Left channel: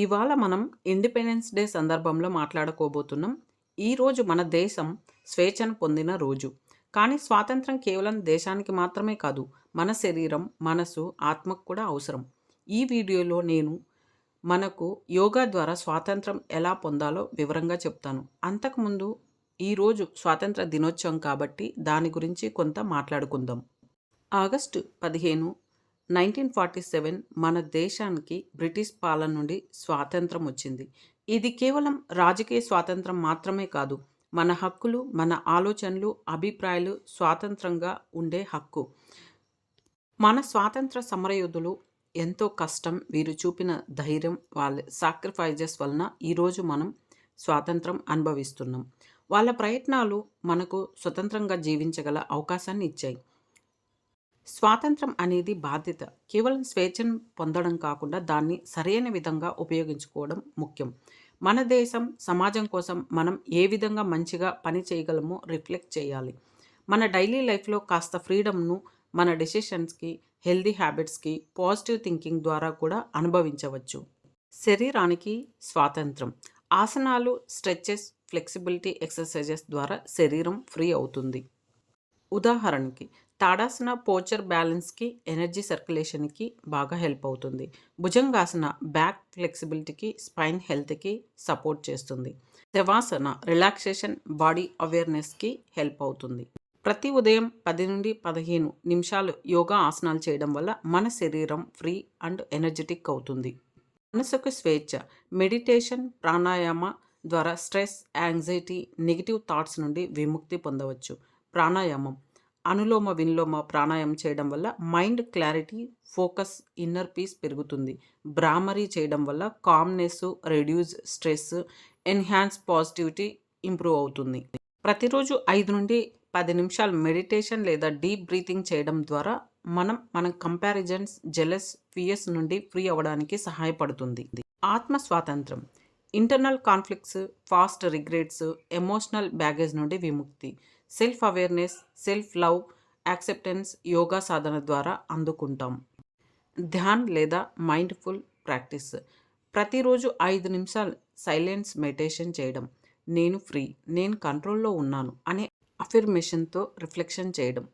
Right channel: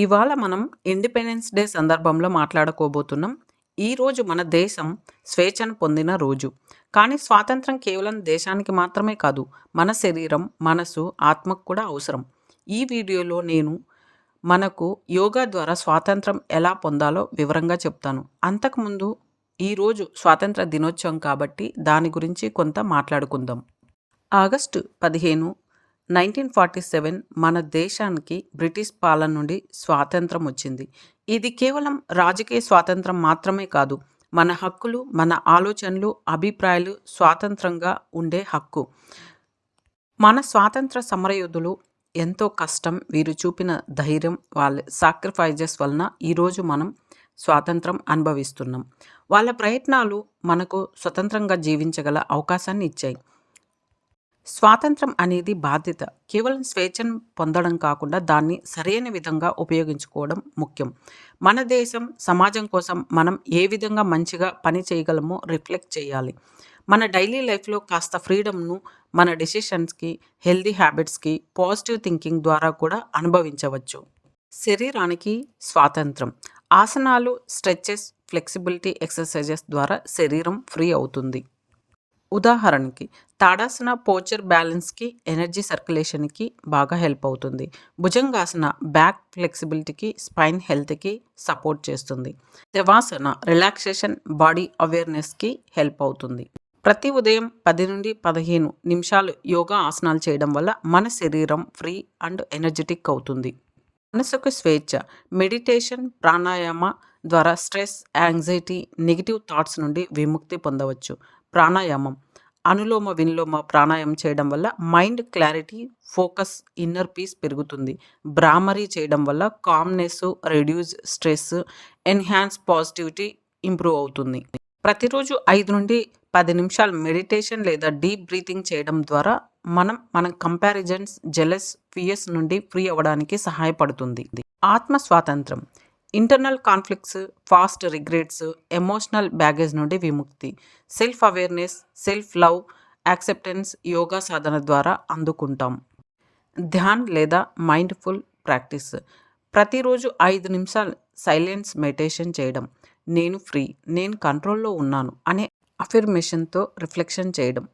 ఇవాళ మనం independence day సందర్భంలో మాట్లాడుకోబోతున్నాం. ఈరోజు మన దేశం స్వేచ్ఛను పొందిన రోజు. కానీ స్వాతంత్రం కేవలం దేశానికి మాత్రమే కాదు, మన శరీరం, మనసు, ఆత్మకు కూడా అవసరం. ఈ వీడియోలో నేను మనకు యోగా ద్వారా స్వాతంత్రం ఎలా పొందాలో వివరంగా చెప్తాను. అంతకుముందు ఈరోజు స్వాతంత్ర దినోత్సవం కాబట్టి దాని గురించి కొంత మాట్లాడుకుందాం. ఆగస్టు 15, 1947 మన దేశానికి బ్రిటిష్ పాలన నుండి స్వాతంత్రం వచ్చింది. ఇది కేవలం రాజకీయ స్వాతంత్రం మాత్రమే కాదు, మన హక్కులు, మన ఆలోచనలు, అభిప్రాయాలు స్వాతంత్రంగా ఉండే హక్కు. మన స్వాతంత్ర సమరయోధులు ఎంతో కష్టం, వీరు చూపిన ధైర్యం, వాళ్ళ సాక్రిఫైజెస్ వలన ఈరోజు మనం స్వాతంత్రం అనుభవిస్తున్నాం. వాళ్ళ ప్రయత్నాలు మనకు స్వతంత్రంగా జీవించగల అవకాశాన్ని ఇచ్చాయి. స్వాతంత్రం అనేది బాధ్యత. కేవలం స్వేచ్ఛను పొందడం కాకుండా దాన్ని సరైన విధంగా ఉపయోగించుకోవడం ముఖ్యం. మన దేశం, సమాజం కోసం మనం ఏ విధంగా మంచిగా పని చేయగలమో రిఫ్లెక్ట్ చేయాలి. మన డైలీ లైఫ్లో కాస్త ఫ్రీడమ్ను మన డెసిషన్స్కి, హెల్దీ హ్యాబిట్స్కి, పాజిటివ్ థింకింగ్ ద్వారా కూడా అనుభవించవచ్చు. శరీరానికి స్వాతంత్రం. ఆసనాలు, స్ట్రెచెస్, ఫ్లెక్సిబిలిటీ ఎక్సర్సైజెస్ ద్వారా శరీరం ఫ్రీ అవుతుంది. ఉదాహరణకి తాడాసన పోచర్ బ్యాలెన్స్కి, ఎనర్జీ సర్క్యులేషన్కి బాగా హెల్ప్ అవుతుంది. భుజంగాసన బ్యాక్ ఫ్లెక్సిబిలిటీకి, స్పైన్ హెల్త్కి సపోర్ట్ చేస్తుంది. శవాసన రిలాక్సేషన్, బాడీ అవేర్నెస్కి హెల్ప్ అవుతుంది. ప్రతి ఉదయం 10 నుండి 15 నిమిషాలు యోగా ఆసనాలు చేయడం వల్ల మన శరీరం ఫ్రీ అండ్ ఎనర్జెటిక్ అవుతుంది. మనసుకు స్వేచ్ఛ. మెడిటేషన్, ప్రాణాయామ ద్వారా స్ట్రెస్, యాంగ్జైటీ, నెగిటివ్ థాట్స్ నుండి విముక్తి పొందవచ్చు. ప్రాణాయామం, అనులోమ విలోమ ప్రాణాయామం చేయడం వల్ల mind clarity, focus, inner peace పెరుగుతుంది. భ్రామరీ చేయడం వల్ల calmness, reduce stress, enhance positivity improve అవుతుంది. ప్రతిరోజు 5 నుండి 10 నిమిషాలు మెడిటేషన్ లేదా డీప్ బ్రీతింగ్ చేయడం ద్వారా మన కంపారిజన్స్, జెలస్, ఫియర్స్ నుండి ఫ్రీ అవ్వడానికి సహాయపడుతుంది. ఆత్మ స్వాతంత్రం. Internal conflicts, past regrets, emotional baggage నుండి విముక్తి. Self awareness, self love, acceptance yoga సాధన ద్వారా అందుకుంటాం. ధ్యాన్ లేదా మైండ్ఫుల్ ప్రాక్టీస్. ప్రతిరోజు 5 నిమిషాలు సైలెన్స్ మెడిటేషన్ చేయడం. నేను ఫ్రీ, నేను కంట్రోల్లో ఉన్నాను అనే అఫర్మేషన్తో రిఫ్లెక్షన్ చేయడం.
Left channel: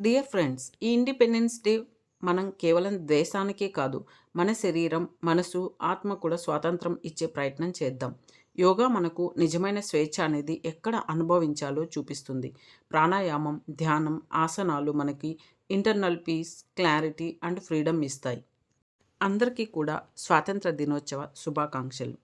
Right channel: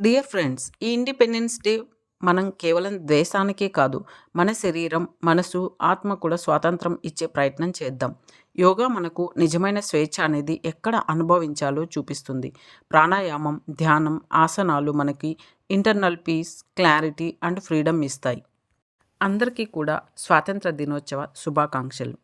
డియర్ ఫ్రెండ్స్, ఈ ఇండిపెండెన్స్ డే మనం కేవలం దేశానికే కాదు, మన శరీరం, మనసు, ఆత్మ కూడా స్వాతంత్రం ఇచ్చే ప్రయత్నం చేద్దాం. యోగా మనకు నిజమైన స్వేచ్ఛ అనేది ఎక్కడ అనుభవించాలో చూపిస్తుంది. ప్రాణాయామం, ధ్యానం, ఆసనాలు మనకి internal piece, clarity and freedom ఇస్తాయి. అందరికీ కూడా స్వాతంత్ర దినోత్సవ శుభాకాంక్షలు.